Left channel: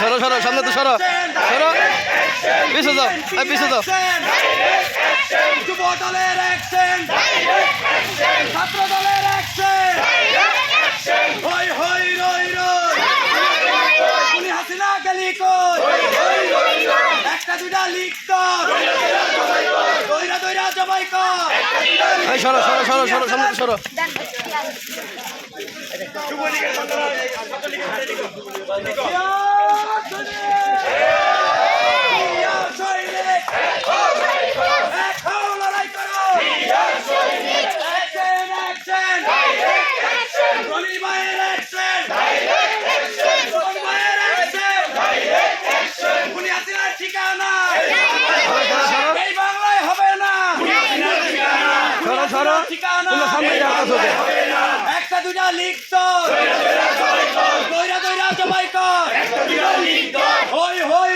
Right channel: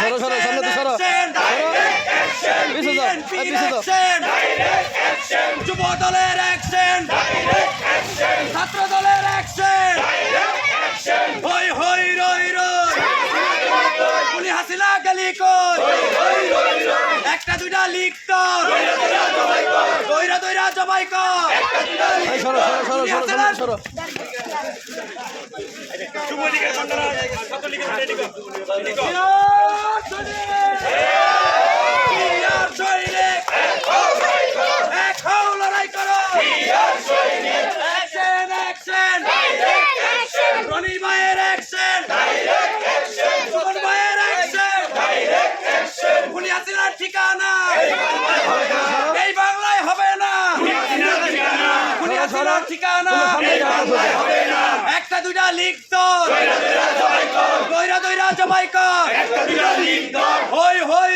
সরো সরো সামনে তো সরো সরো পিছু যাও পিছু যাও যুব দলের অ্যাকশন ছাত্র দলের অ্যাকশন হই হই রই রই উনি হাসিনা গলি কই একটা দুইটা লিখ কর দইরা দইরা জবাই কর এই সরো সরো সরো সরো সামনে সরো ঠিকানা এই বাংলায় হবে না ঠিকানা একটা দুইটা লিখত দইরা দইরা জবাই কর হই হই